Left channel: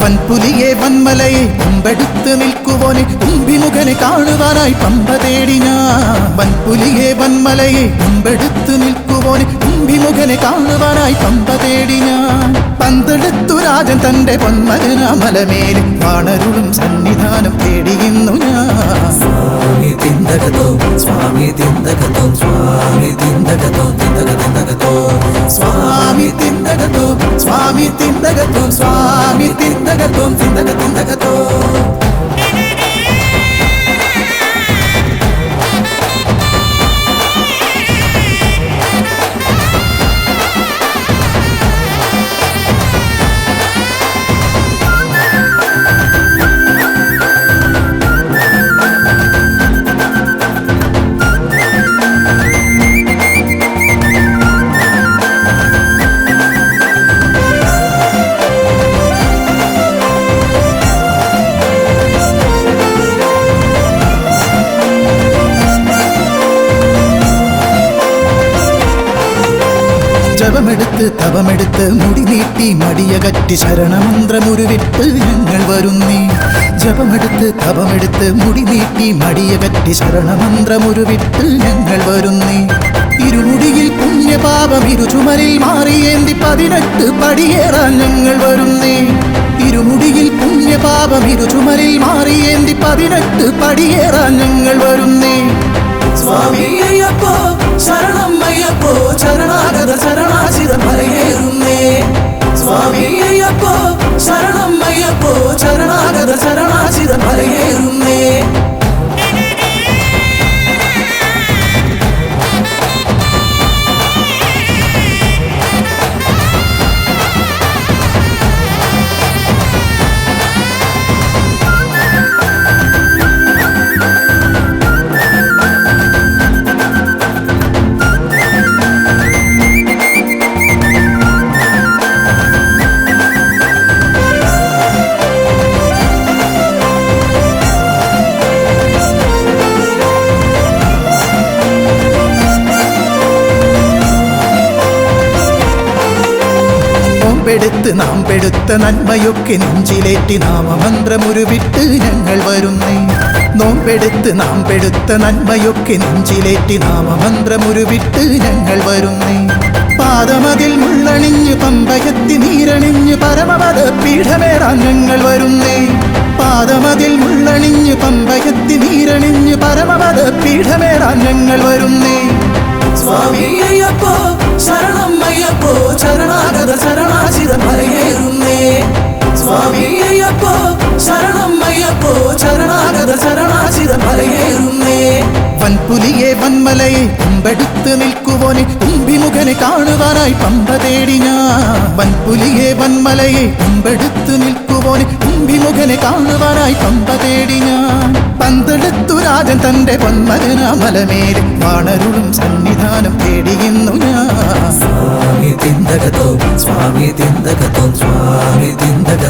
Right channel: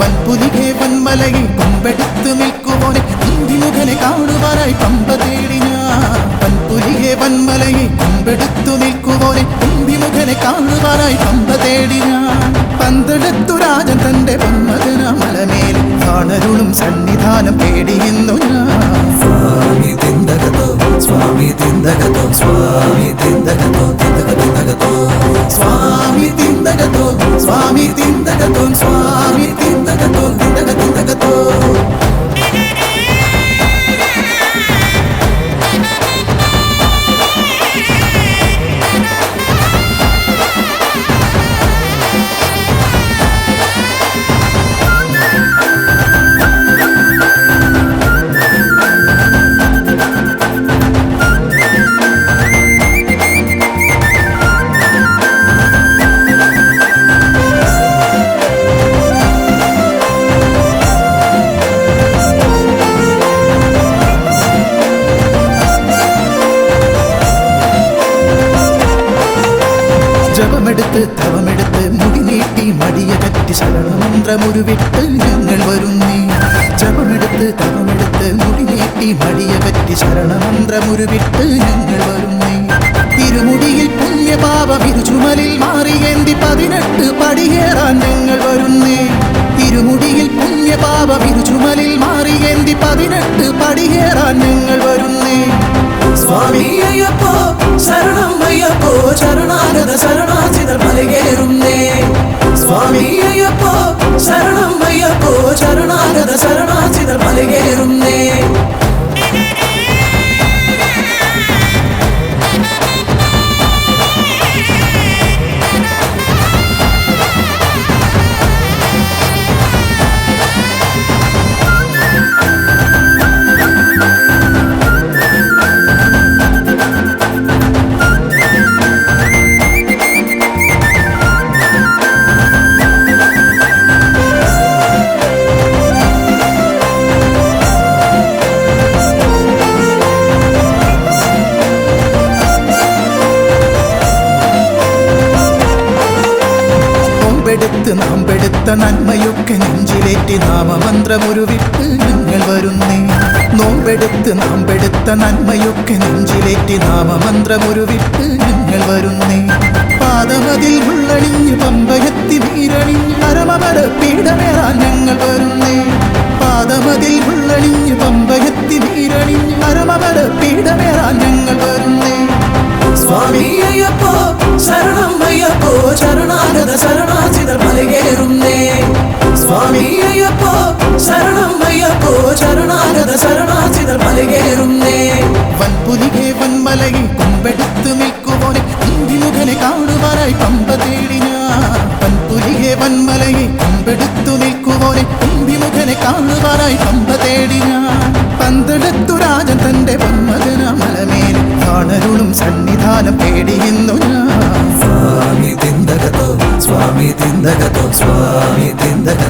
വൻപുലിയെ വന്മലയെ കൊമ്പെടുത്ത് നിൽക്കുവോനെ വിമുഖനെ കാണുവാനായി പമ്പ തേടി ഞാൻ. വൻപുലിയെ വന്മലയെ കൊമ്പെടുത്ത് നിൽക്കുവോനെ വിമുഖനെ കാണുവാനായി പമ്പ തേടി ഞാൻ. പന്തെടുത്തു രാജൻ തന്റെ പന്മകന മലമേലെ കാണരുളും സന്നിധാനം തേടിയുന്നു ഞാൻ. സ്വാമി തിന്തകതോ സ്വാമി തിന്തകതോ സ്വാമി തിന്തകതോ തിന്തകതോ സ്വാമി തിന്തകതോ സ്വാമി തിന്തകതോ സ്വാമി തിന്തകതോ തിന്തകതോ. തവമെടുത്ത് മുടി നീട്ടി മടിയകറ്റി ശരണമന്ത്രമുരുവിട്ട് ഞങ്ങൾ വരുന്നേ. ജപമെടുത്ത് തവമെടുത്ത് മുടി നീട്ടി മടിയകറ്റി ശരണമന്ത്രമുരുവിട്ട് ഞങ്ങൾ വരുന്നേ. ഇരുമുടിയിൽ പുണ്യപാപം ഇരുചുമലിൽ മാറിയേന്തി 18 പടിയേറാൻ ഞങ്ങൾ വരുന്നേ. ഇരുമുടിയിൽ പുണ്യപാപം ഇരുചുമലിൽ മാറിയേന്തി 18 പടിയേറാൻ ഞങ്ങൾ വരുന്നേ. സ്വാമി അയ്യപ്പോ ശരണം അയ്യപ്പോ ശരണാഗത ശരണാചിത മലയേറുന്നേ. സ്വാമി അയ്യപ്പോ ശരണം അയ്യപ്പോ ശരണാഗത ശരണാചിത മലയേറുന്നേ. നാം പെടുത്ത നന്മയൊക്കെ നെഞ്ചിലേറ്റി നാമമന്ത്രമുരുവിട്ട് ഞങ്ങൾ വരുന്നേ. നോമ്പെടുത്ത് നാം പെടുത്ത നന്മയൊക്കെ നെഞ്ചിലേറ്റി നാമമന്ത്രമുരുവിട്ട് ഞങ്ങൾ വരുന്നേ. പാദമതിൽ ഉള്ളണിഞ്ഞ് പമ്പയത്തി നീരണിഞ്ഞ് പരമപദ പീഠമേറാൻ ഞങ്ങൾ വരുന്നേ. പാദമതിൽ ഉള്ളണിഞ്ഞ് പമ്പയത്തി നീരണിഞ്ഞ് പരമപദ പീഠമേറാൻ ഞങ്ങൾ വരുന്നേ. സ്വാമി അയ്യപ്പോ ശരണം അയ്യപ്പോ ശരണാഗത ശരണാചിത മലയേറുന്നേ. സ്വാമി അയ്യപ്പോ ശരണം അയ്യപ്പോ ശരണാഗത ശരണാചിത മലയേറുന്നേ. വൻപുലിയെ വന്മലയെ കൊമ്പെടുത്ത് നിൽക്കുവോനെ വിമുഖനെ കാണുവാനായി പമ്പ തേടി ഞാൻ. വൻപുലിയെ വന്മലയെ കൊമ്പെടുത്ത് നിൽക്കുവോനെ വിമുഖനെ കാണുവാനായി പമ്പ തേടി ഞാൻ. പന്തെടുത്തു രാജൻ തന്റെ പന്മകന മലമേലെ കാണരുളും സന്നിധാനം തേടിയുന്നു ഞാൻ. സ്വാമി തിന്തകതോ സ്വാമി തിന്തകതോ സ്വാമി തിന്തകതോ